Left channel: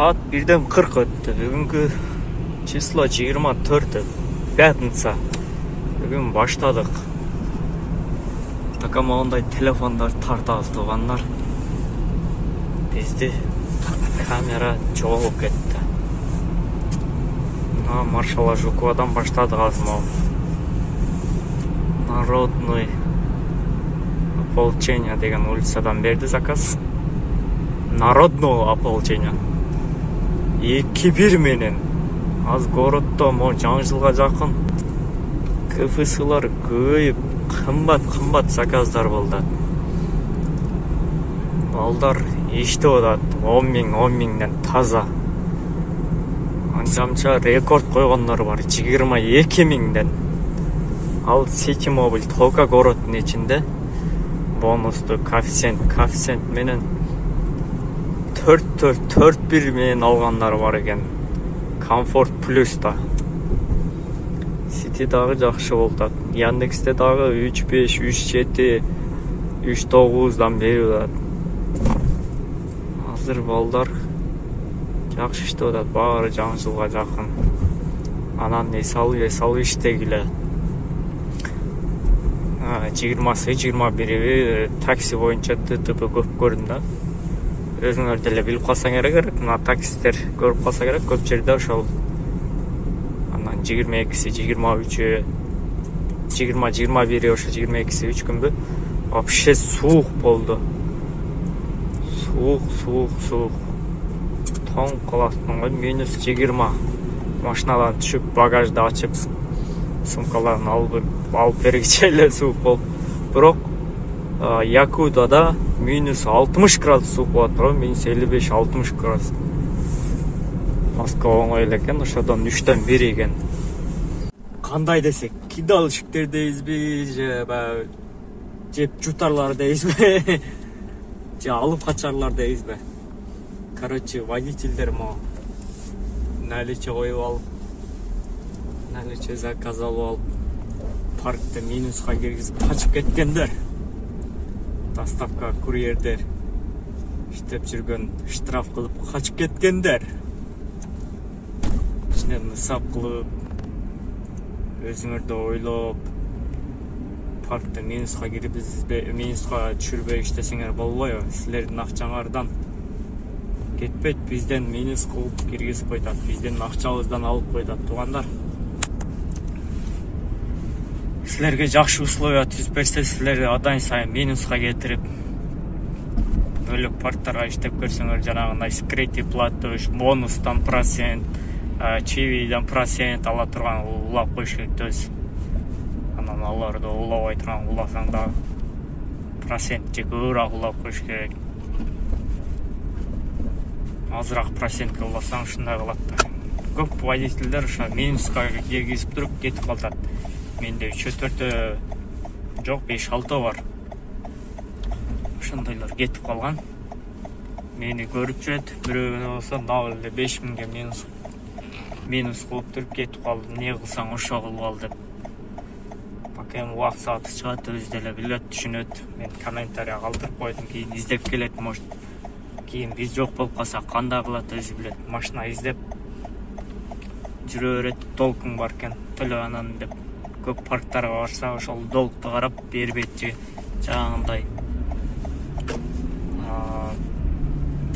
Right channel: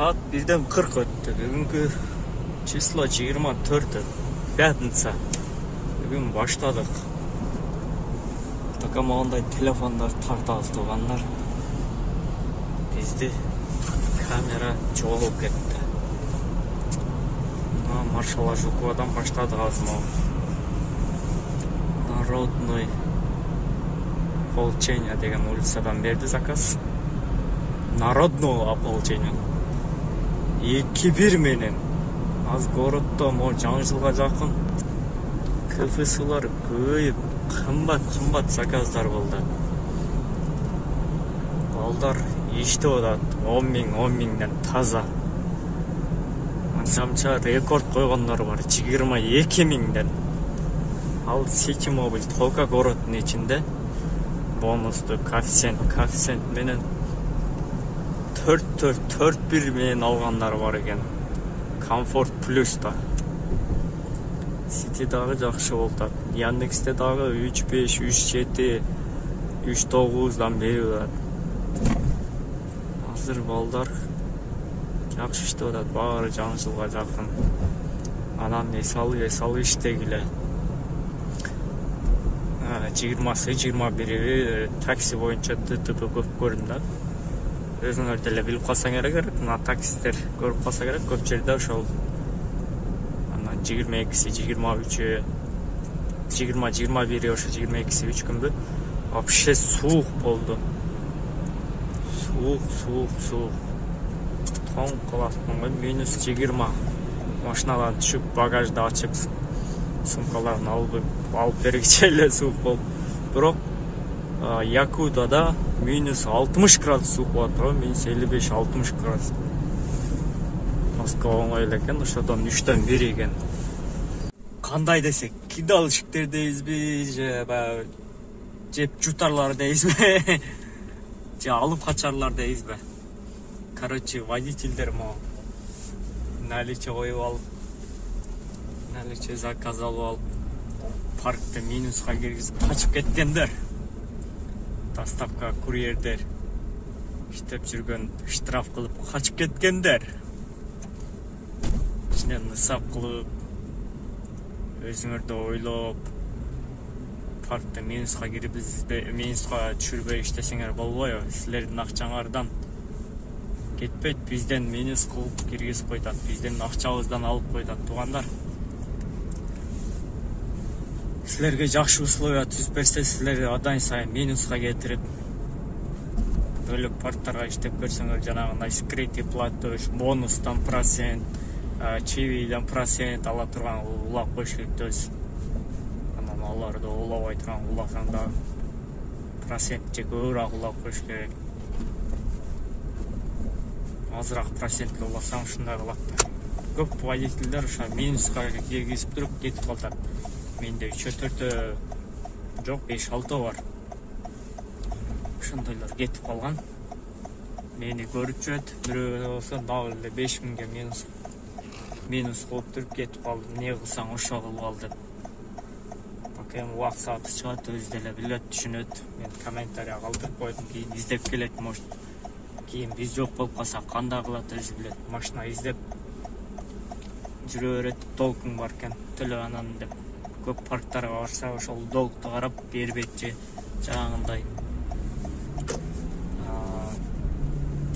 Saat 1:40 өтті. Бүгінгі число 24, пятница. Бүгін баштадық. Такама ондай телефондар тартабыз туғандар. Бізде камера жоғалып кетті. Маршала Жуковадан баштадық азмау. Народный ополчение деген улицадан берді заказ. Народного ополчения. 2-1 менен. Аз городто жаңы жылға жақын КФСлар көйіп, қымбат заказдар болды. Балдар ешті одат, 10 мыңнан таза. Анчамча рекорд қойғанлар бар, 22 мыңдан. Ал Сити Мобиль Тока городтың içinde бонусты коэффициент менен 4-1 менен алғандар бар екен. Комфорт плюста. Сити дағы жақшы болды. Яндексте дағы 3.5, 3.7, 3.9-дан бері болады. Азыр балдар жақшы ішті болады. Бары жаңы жылға жақын. Анан есалы іштегілі. 20-21 такси бойынша ТТП көп көрінді. Өзіңер деле біліп қалсаң керек, мына таксистер көріп қалса керек, көп жерде ошол 22-си, 23-і, 20-21-і, ошо 22-си 3 күнгө вообще суық болды. Суық. Тоң қаласың, -20. Машинадан түшіп, багажды ачып, сумкаларын алып бергіче эле суық болды. Бирок Якудада -60 градус суық болады, бирок -55-60 градус. Москва оңой экен, ошодон 3-төн 1 экен. Кандай десек, кидалышыктердейизби, же жеп жутарлардайызбы, же алып качарлардайызбы. Короче, водительдер наличие коюп алып, наличие заказ алып алып, паркта минусқа киргизип качып кеткендер. Доставка курьердер иштеп жүргөн, штраф кылып качып кеткендер. Нысап кылып, өзүңөрдө ойлоп, паркта минусқа кирип, минусқа түшүрбөй иштесеңер болбойбу. Силердин акчаңардан кетпейт, бизден минус кылып киргизип койтат, биздин акчабыздан алып койтат туугандар. Силерге жакшы условия түзүп берсе, силерди адан сайын минуска кетирип, бөлөк парктарга иштеп көрсөңөр, жанагындай скрытый платеж, бонустан процент, чивиден процент ала турган улап коюш керек өз. Анан аларды улабай турган уласаң да процент же көбүрөөк улап коюш керек. Азыраак процентке уласаң ушундай кылат. Көп водительдер ошо минуска киргизип туруп кетип калат. Менде 3-4 жок, 5-6 бар. Ошондойлор кетип калган. Мени көрүп жүрөт, бирөө болсо дагы 5 миңге минус кылып туруп кетип калды. Не кылсаң ошо кылып ал деп. Пока эми убак сааты чыгат, өзү деле билет, түшүнөт. Мен комментария калтырып койдум, кийин издеп келет, может. Кийин биз жок болуп калса кандай кылат өзү билет. Машина издеп жүрө берет, толкун бар экен, төлөп анан деп. Көп парктарга барса, ошол долгту карап бербейт же жаңагындай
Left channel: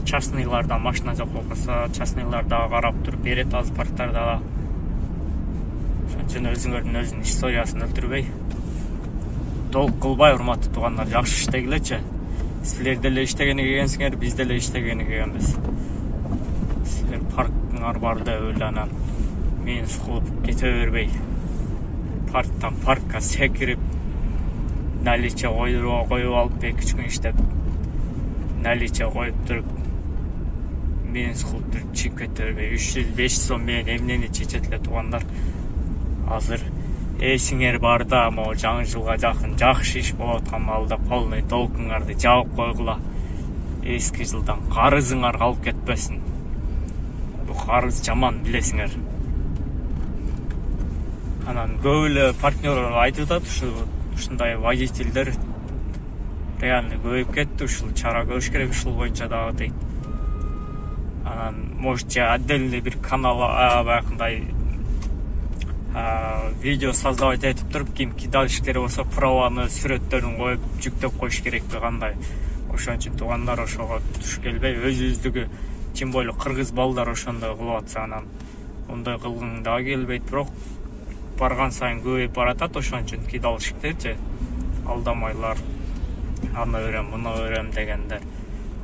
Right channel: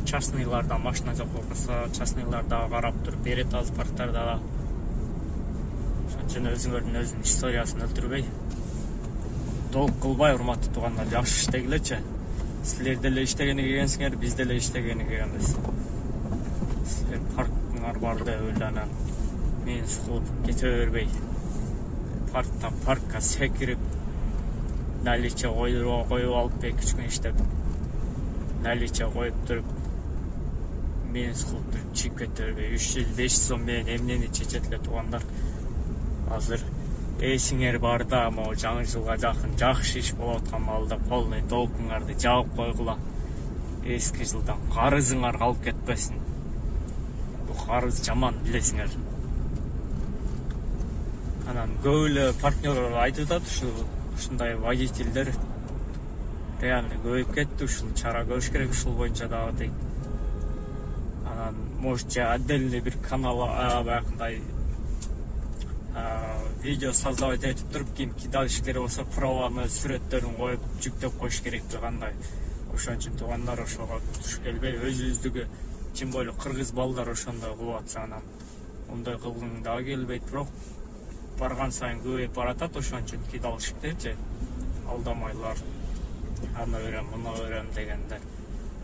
частныйлардан машина жок болсо, частныйларда карап туруп берет аз парктарда. Ошон үчүн өзүңөрдүн өзүнүн историясын өлтүрбөй, долг кылбай, урматтуу туугандар, жакшы иштегилечи. Силер деле иштегени келгенсиңер, биз деле иштегени келгенбиз. Силер парктыңар бар деп эле анан минус кылып кете бербей, парктан паркка секирип, наличие коюп алып, 2-3 күн иштеп, наличие коюп туруп, минус кылып туруп чыгып кете бербей, 3-5 сом менен эмнени чечет эле туугандар. Азыр эсиңер барда, могу жаңы жылга жакын жакшы иш болуп аткан маалда полный толкуңарды жаап койгула. Эски жылдан карызыңар калып кетпесин. Бул карыз жаман, билесиңер. Анан көп эле партнерлор айтып атат, ушундай водительдер реально көбөйүп кетти, ушул чара көрүш керек, ушул боюнча дагы дейт. Анан может отдельный bir канал баягындай видео создавать этип туруп кимки дальше керек болсо праваны сүрөттөрүн коюп жүктөп коюш керек кандай. Ошон үчүн туугандар ошого туш келбей өзүбүздүгү тем более кыргыз балдар ошондой кылып атса анан ондай кылгың дагы келбейт, бирок барган сайын көбөйүп баратат. Ошон үчүн кидалышыптырчы алдамайлар, аны өрөм муну өрөм дегендер.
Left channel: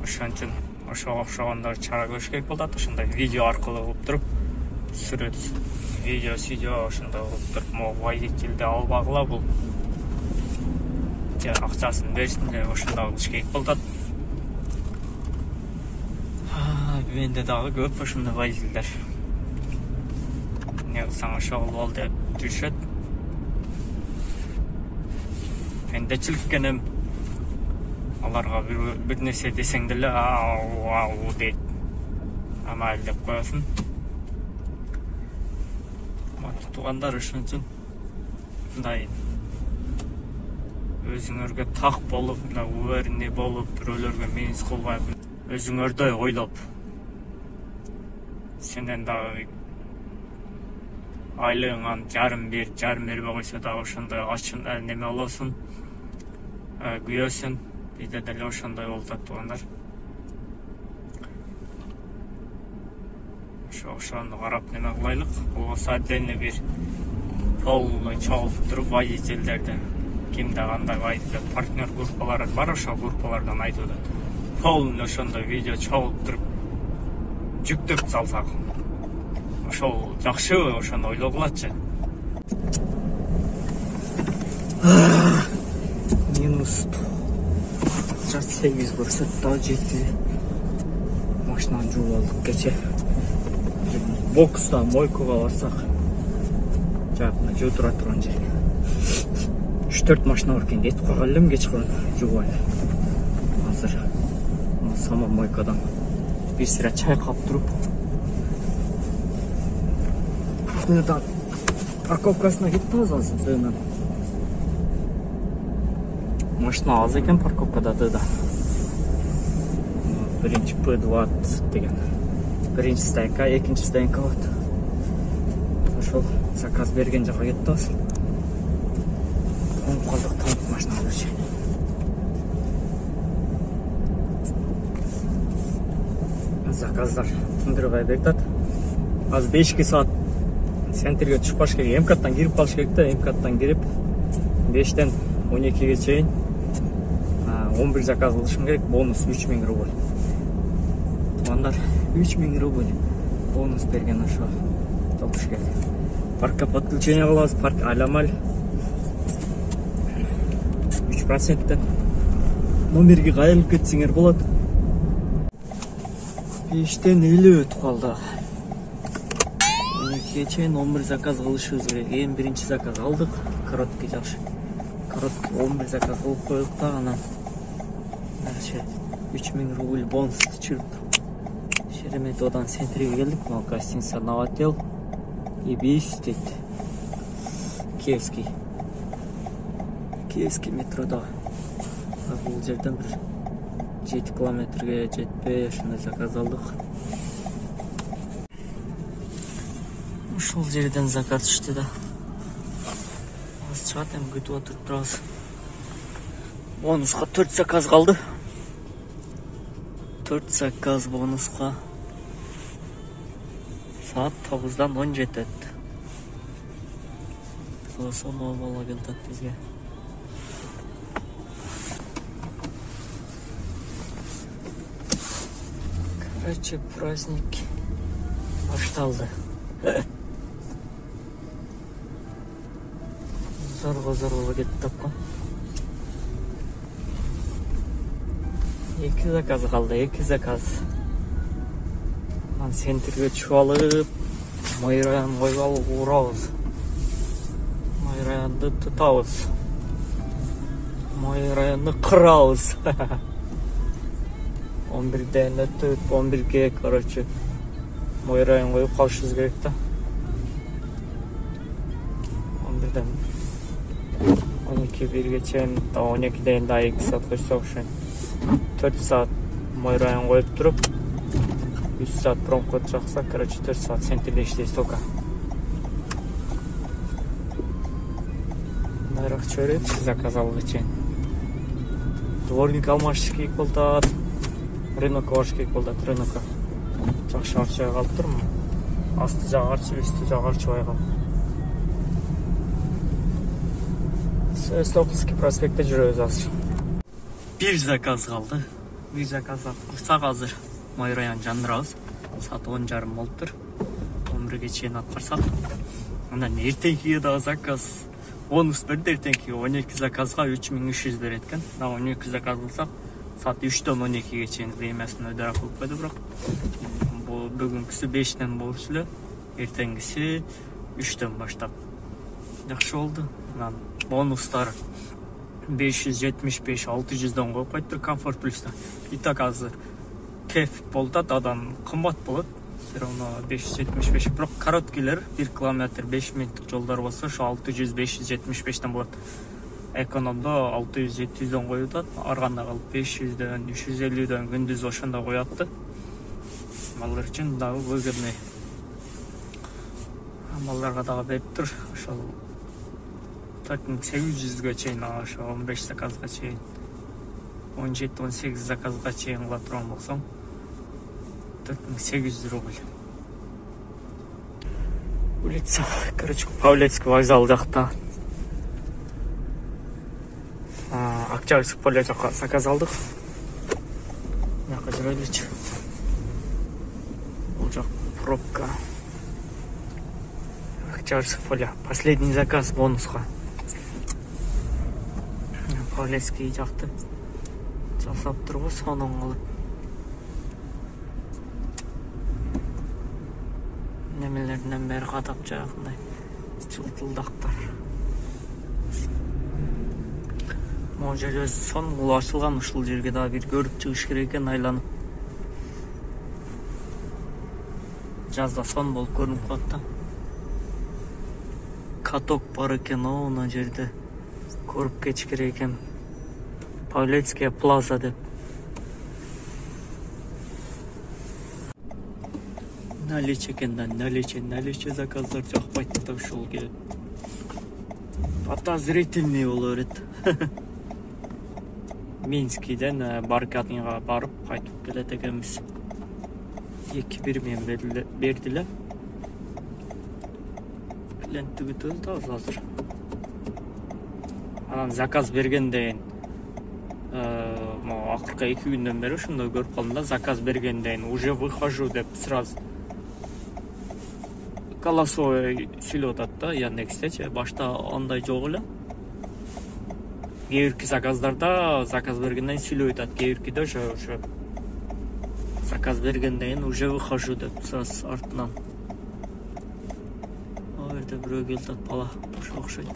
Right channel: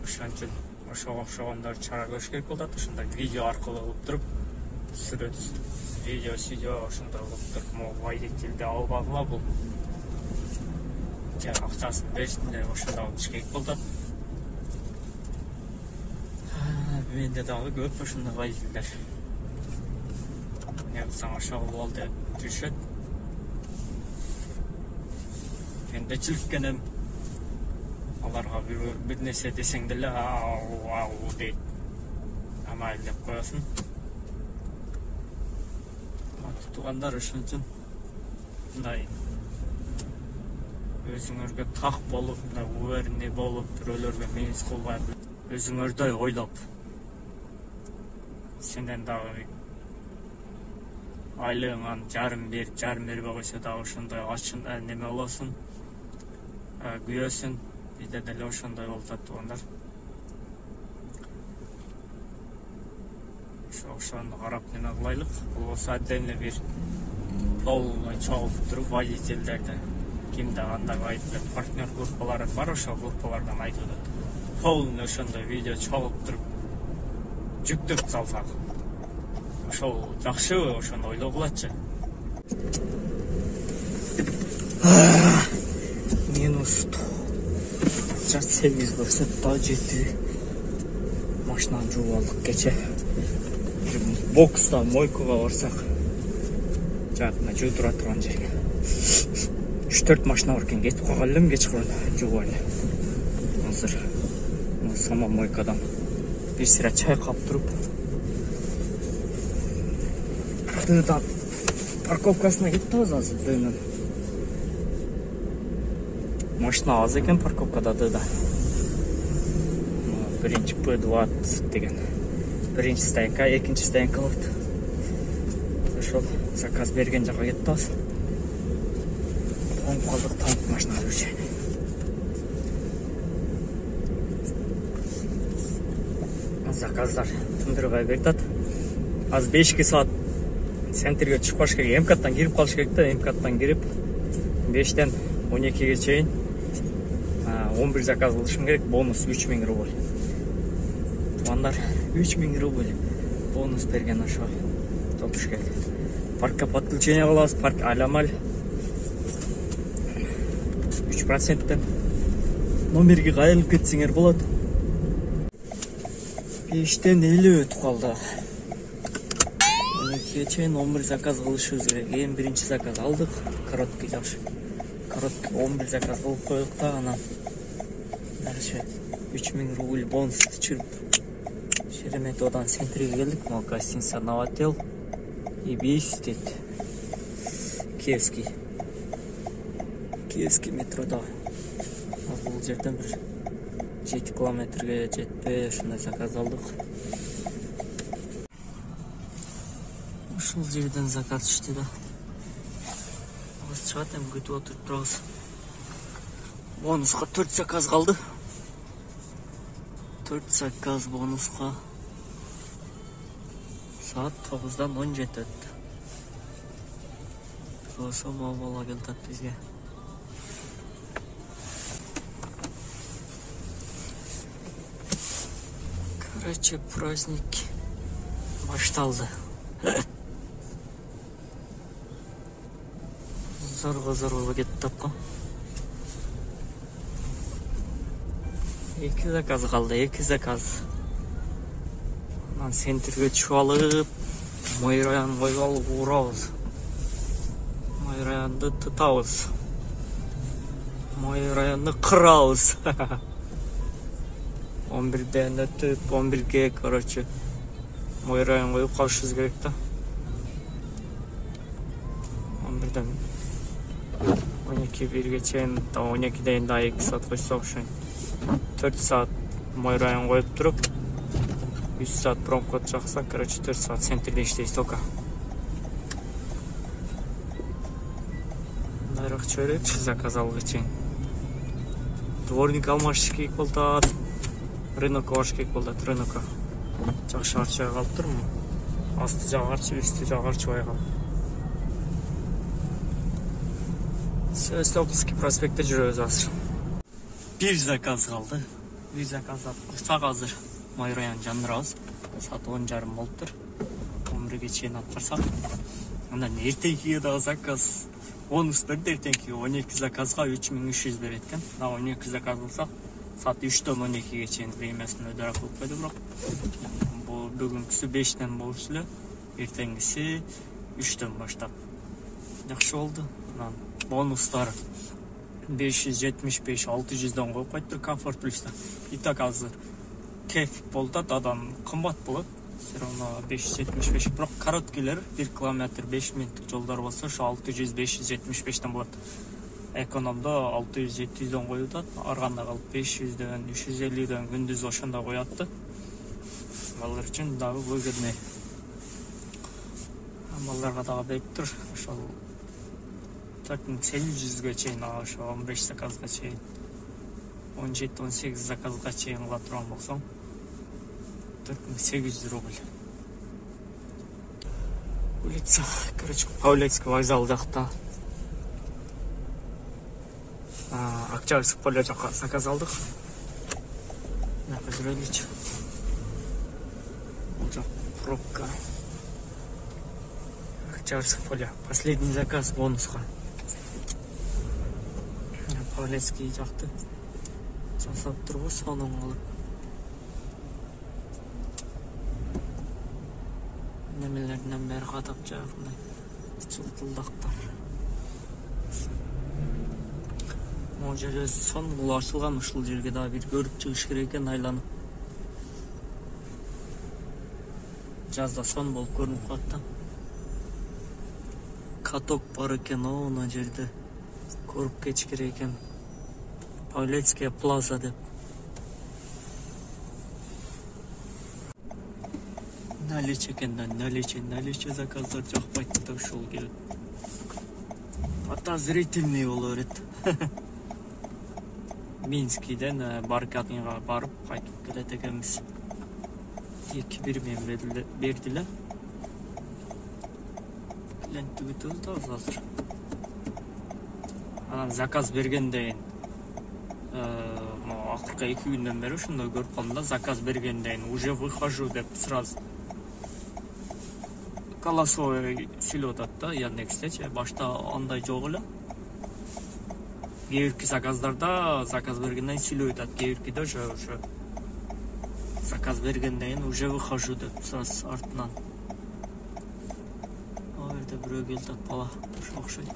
Ошон үчүн ошого окшогондор чара көрүш керек болот. Ошондой видео аркылуу кылып туруп сүрөт видео ошондой кылып туруп могу водительди албагыла бул акчасын берсин деп ошондой кылыш керек болот. Менде дагы көп ошондой водительдер. Не кылсаң ошо кылып ал деп жүрүшөт. Эндечиликке эми аларга бир нерсе десең деле ау дейт. Амал деп коесуң. Туугандар ошон үчүн мындай өзүңөргө так болуп, мындай уверенный болуп, бирөөлөргө минус кылбай, өзүңөрдөй ойлоп, сенден дагы айлыгыңан жарым бербей койсо дагы ошондой ачын неме болосуң, күйөсүң. Бизде деле ошондой болуп атат туугандар. Ошону карап неме кылайлык. Бул болсо отдельный бир полный чогулуп туруп водительдерди кимде кандай водитель партнер группалары бар, ошол группалардан айтып атат. Полный ошондой видео чогулуп туруп жүктөп салсак, ошол жакшыбы, ошону ойлогулачы. Минус 8 көрсөт, 7 машинаны жууп алдык кече. Букстан мойкага барсак, жакында жуу тура турган жерге 3-4 машина бар экен, кетип калган элем кечкырын жууган эле. Азыр сама мойкадан бир сыра чай кап туруп, парковкасына кеттибиз азыр. Машина аз экен парковкада да. Биринчи P20 деген. Биринчи стайка, экинчи стайка болот. Ошол заказ берген жака кеттибиз. Кондуктор машина алып. Заказдар тундурбай бердат. Аз 5 саат центрге чыгып калыш керек. МКаттан кирип калыш керек да, МКаттан кирип 5-тен 12-ге чейин 11 заказ кылышым керек. Бонус 3000 рубль. Туугандар 3000 рубль бонус берген ошо топуш келди. Паркка подключение кылабыз, парк аламаль 3%. Номерге кайрылып кетсеңер болот. 5-тен 50 өтүп калды. 12-ге чейин 11 заказ кылышыбыз керек. Эң биринчи заказ алдык. Короткий жакшы. Короткий 11 заказ кылып койдук да, анан 3000 рубль бонус түшүрүп Шереметьеводон центрге келдик. Ал гостиница Новотел и Бейстит. Киевский метрода. Бул жерден бир 7 километрге жетпей ошондой заказ алдык. Ушул жерден заказ түштү да. Биз чыгат эми күтүп отуруп турабыз. Бонуска 4 заказ калды. 4 заказ бонуска. Saat 9'dan 17 öttü. Olsa mal geldi bizge. Короче, праздник başladı. Zorla gitti da. 2 zakaz kaldı, 2 zakaz. Sentrге түшүп алып, Майраян ойгал урабыз. Майраянды тутабыз. Майраянды кырабыз. 11'den ötüp 11'ge короче Майраян коюп калышыбыз керек да. 11'den 12-1'ge чейин, 12'den daha 2 saat koysa ошо 4 saat май район коюп туруп 3 saat промкод жакса, короче 4 saat центрде иштейбиз тока. Нарық чөрөчү заказ алгы чейин. Дворник алмаш керек болду. Рынокко баш керек болду, рынокко. Жакшы арчыга калып турмун. Асты жагарчы, үстү жагарчыбай калып. Столбский проспектте жүрөбүз азыр. Bir заказ калды. Bir заказ кылсак азыр май район жандырабыз. Саат 10:30 болуптур. 11ге чейин аткарсак. Андан эртеңкиге дагы заказ. Бонус берди эртеңкиге 12 заказга 3300 берет экен. 12 заказ кылсак, саат 3-төн 12ге чейин времясын өйдөрөк кылып койду, бирок бул бүгүнкүсү 5-тен болчу эле, эртеңгиси 3-төн баштап. Жакшы болду. Анан бонустар 575-600дөн коюп коюптур Комфорт Плюста. И так азыр кеф болду, дадан кымбат болот. Все равно 575. Бирок короткилер 1 километр 5 минуттук жолдор болсо, ошо 600-575ден болот. Экономдо 600-700дөн коюлат, арганда калып 500дөн, 350дөн күндүз ошондо коюп да. Балдар үчүн дагы өзгөрмөй. Балдарга дагы берип тур. Ошол 4800ге чейин, ошо 15 заказга чейин, 17-18 заказга чейин кыла турган болсоң 4800 рубль. Улица, короче, Павлецкий вокзал жакта. Октябрьский поле жакка заказ алдык. Жакка жүрөлүчү. Бул жак пробка. Октябрьский поле. Последний заказ бонуска. Павлецкий жакты жасап турбуз, сонун кылып. Немелерден бери катып жагындай чылтылдактар. Могу жерде сон кылып ачылган, ушул жерге дагы бир көрүп чыгыш керек экен, айланып. Жазда сон болуп көрүнүп калат да. Каток бар экен, оно жерде көрүп кетиш керек экен. Павлецкая плаза деп. Наличие экен да, наличие заказдар жакпайт да, ушул келет. Подозрительный боло берет. Минскиден Баркатынга барып кайтып келет экенбиз. 2-1 мен бердилер. Клиенттик өтөбүз да азыр. Анан заказ бергенден акыркы 2 күндөн бери ушундай көрүп калдым да, заказ бергенден уже выхожу деп сразу голосовой сүйлөп атат да, Яндекстечи. Башта андай жок эле. Кээ бирки заказдарда заказ бергенден сүйлөп атат, кээ биркиде уже заказ бергенден уже выхожу деп сразу артынан. Ал жерде бирөө келип атат, бала ошо окшойт.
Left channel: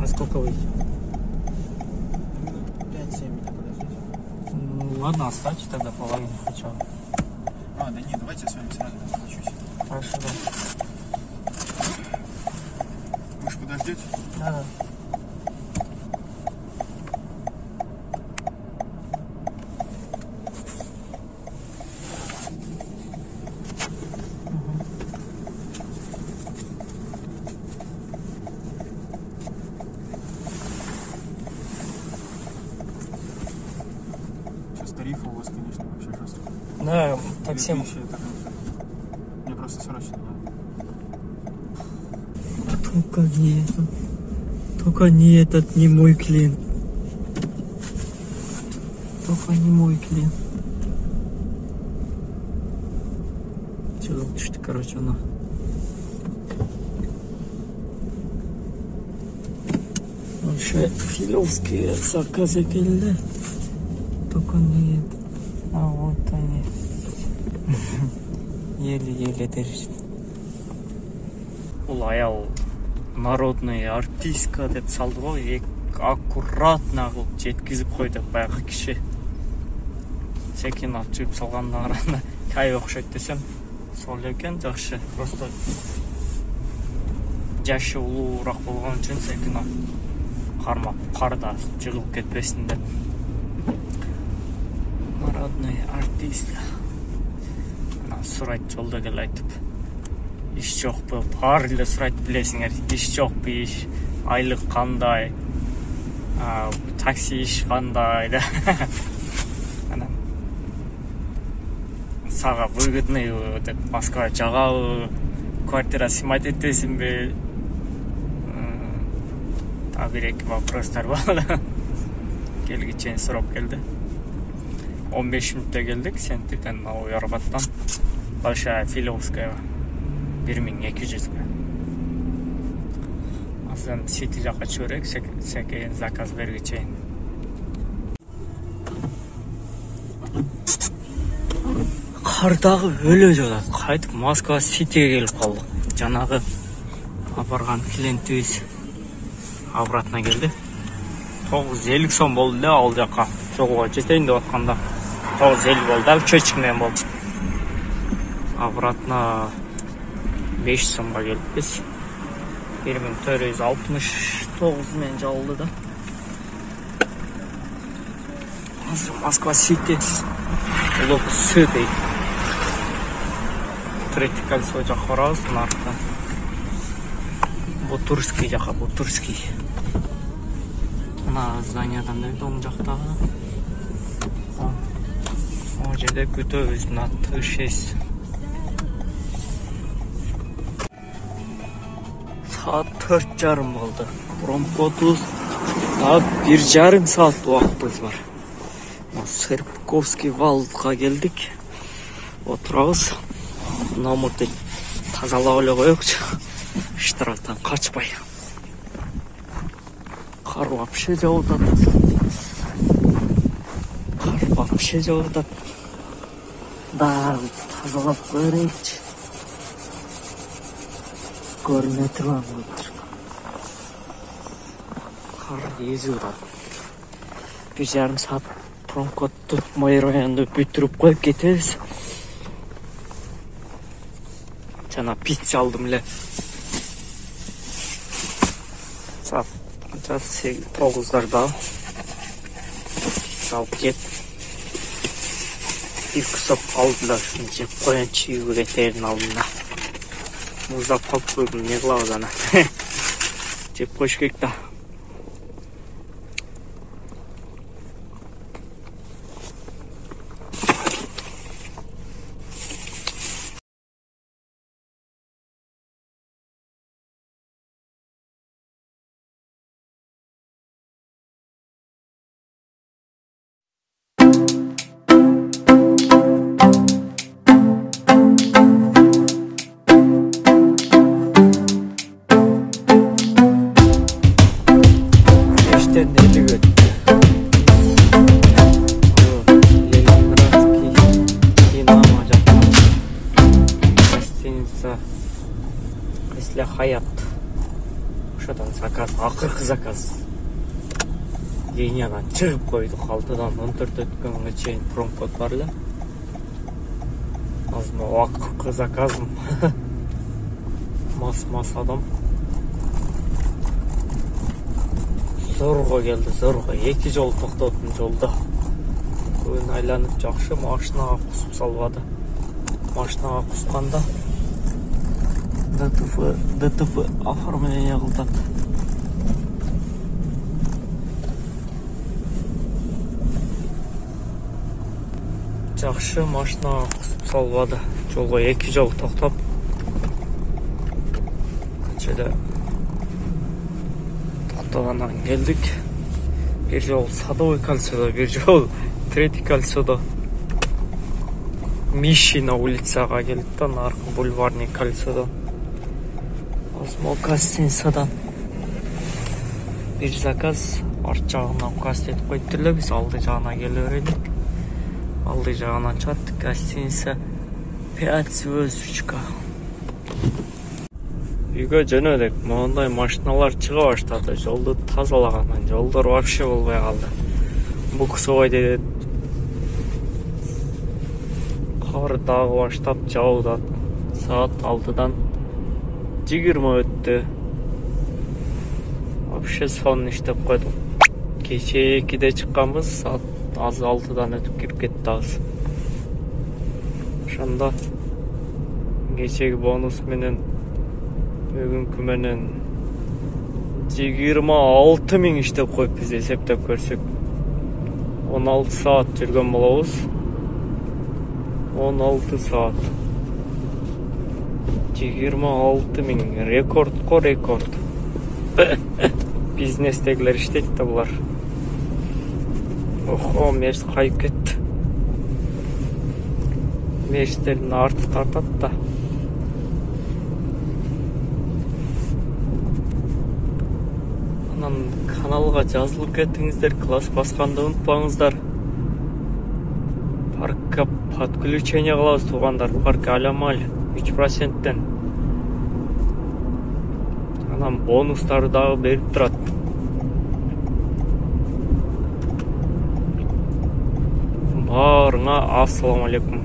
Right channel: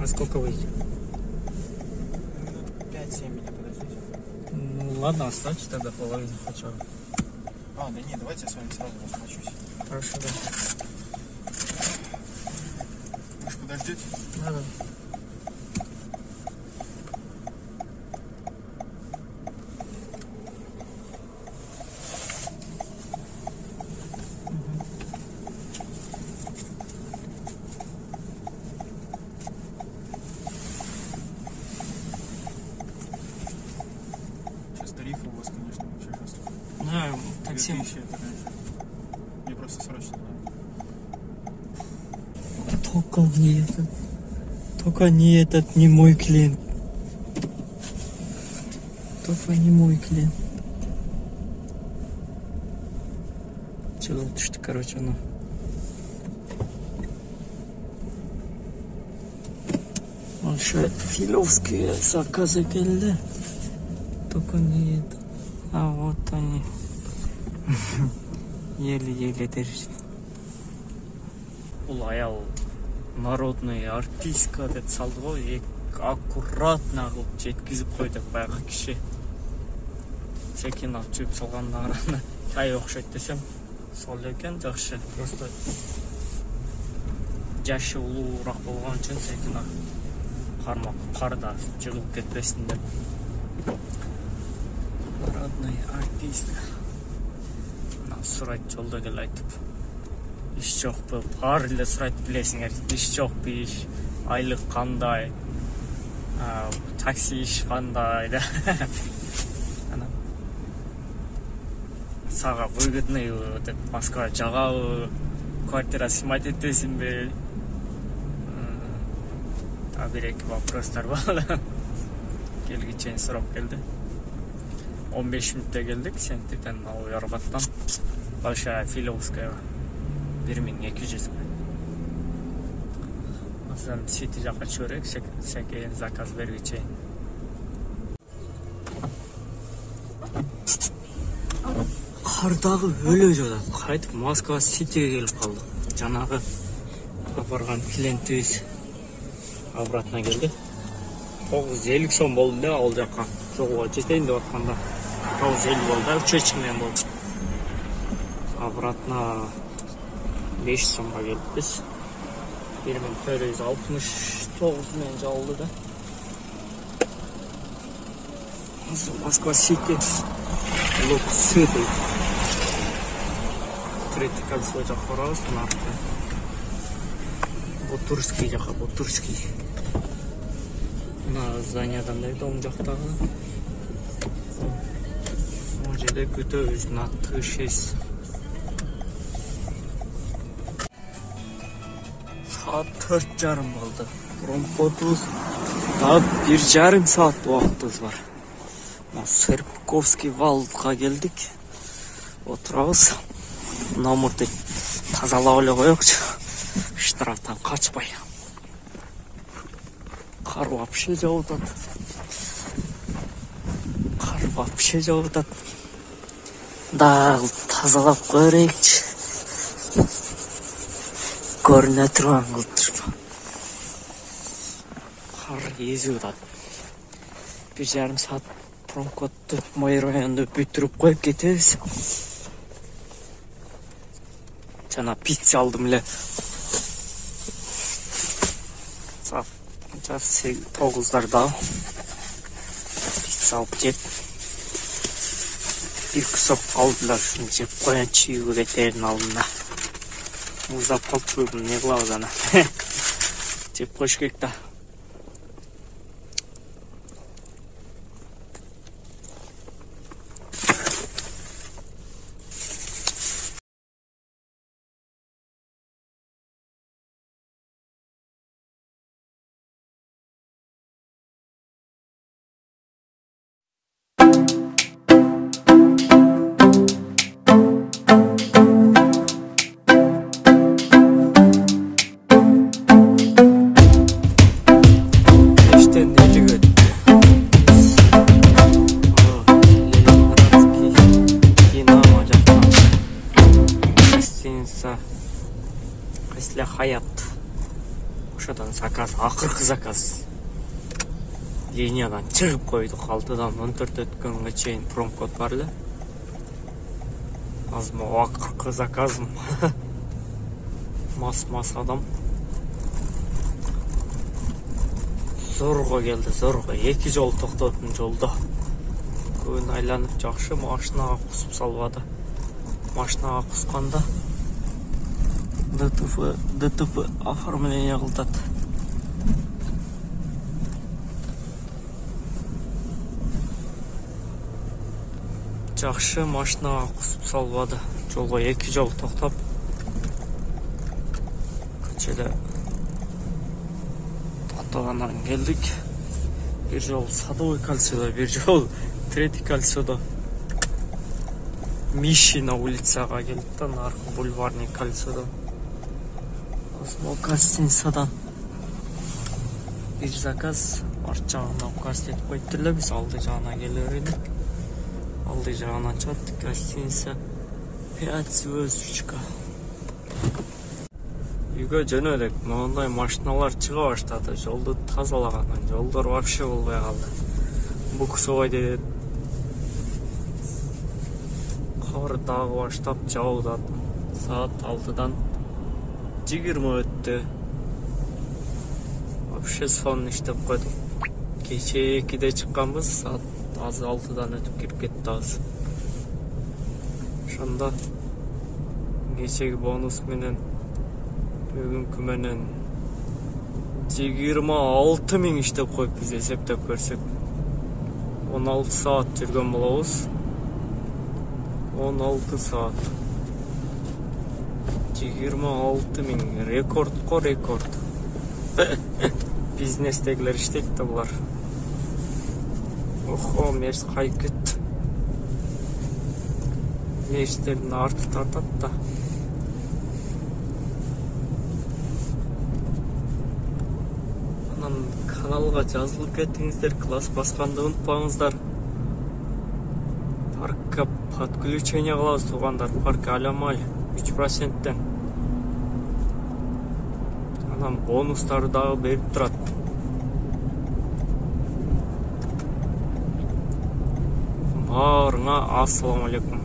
А сколько выйдет? 5-7 минут подождите. Ладно, оставьте тогда половину хотя бы. Да нет, давайте я с вами сразу расплачусь. Хорошо. Можешь подождите? Да. Тарифы у вас, конечно, вообще жестко. Да, такси. Мне просто срочно. Только не этот, не мой клиент. Только не мой клиент. Чыгып түштүк, короче, ну. Еще это филевские заказы келди. Только не это. А вот они. Еле-еле держит. Ол аял народная артистка деп салды ғой, аккуратно кылып жеткизип койду баягы киши. Секен алып чыгып салганына караганда кай окшойт десем, сол экен, жакшы. Просто жашы улуураак болгон үчүн секен қармап қарда жығылып кетпесін деп. Народный артист. Ана сұрайды жолда кел айтып. Іш жоқ бұл, бәрінде сұрайды білесіңер. Іш жоқ бұл іш, айлық қандай, такси іш қандай да. Ана саға выгодный деп Москва жағау, квартира снимать етесің бе? Bir-iki вопростар var. Gelgiçen sұрап келді. 15 минутта келдік, Сентеден Новый Арбаттан Большая Филевская 1200-ге. Азын Сити жаққа чөрек, сәкеген заказ бергечейін. Қардағы өлі жода, қайтып Москва Ситиге келіп қалдық. Жанағы барған клиентіміз обратно келді. 950 сом болды да, ол жаққа жолға жетейін деп отқанда 950 болды, көчкімен болды. Обратно 5 сомға келіп біз 1469-мен жалды да. Москва Сити лоб сі дейді. Третий кольцо жаққа раз, нарқа Бутурский жаққа, Бутурский. Мына зданиядан да оң жақтағы. О жерде күтөбүз, аты 6. Saat 4:30 болды. Промпотубуз да 1,5 saat уақытыбыз бар. Серпковский валға келдік. Отырабыз. Номерді тазалап эле коелучу. Штрафтан қачпай. Қар вообще жауып. Қар вообще жауып. Да, тазалап көрейікші. Көріне тұрған қылтыр. Қар езі ұдады. 1,5 saat промпотты майырайында бүттіріп қойып кетеміз. Жана пицца алдым эле. Saat 9'larda saat cep bir kısa aldılar cep koyan çiğ veterin aldılar uzak kapıyorum ne lazana cep koş gekta Кресле Хаят. Ошадан заказ, ақырғы заказ. Линиядан шығып қойдық. 6-дан 14 өткенге чейін промкод бар эле. Азым ақырғы заказым. Мас адам. Зорға келді, зорға. 2 жол тоқтадым жолда. Көбін айланып жақшы машинаға құсып салбады. Машинаға құсқанда ДТП оформление қылтады. Жақшы машинаға құсып салбады. Жолға 2 жол тоқтап. Көшеде тоқтағаннан келдік. Bir жол Садовый кольцода, bir жол Третий кольцода. Мишина улицаға келді, нарқы бульварный кольцода. Осмо гостиницадан bir заказ арт жағына указ етіп қойдылар, біз алды жағына келе берелік. Алды жағынан чаттық, гостиница 5 звездочка. Үйге жөнөдік, мындай машиналар чыга баштады, жолды тазалагандан, жолдор вообще болбой калды. Буксовой dedi. Қар дағы баштап жауды. Saat 6'dan 20 өтті. вообще сонун иштеп койдум. Кече 2-де чыкканбыз, саат азыр 6-дан өтүп кирип кеттибиз. Ошондо кечеги бонус менен бүгүнкү менен 26 миң иштеп коюп биз эсептеп көрсөк 16 саат жүргөн болобуз. 16 саат 26 миң, рекордко рекорд. Бизнестегилер иштейт да булар. Охо, мерс кайып кетти. Мерстердин арты тартат да. Анан каналга жазылып кетиңиздер, класс басканды унутпаңыздар. Паркка подключение кылабыз туугандар, парк алямаль 3%. Анан бонустар дагы берип турат. Баарыңа ассаламу алейкум.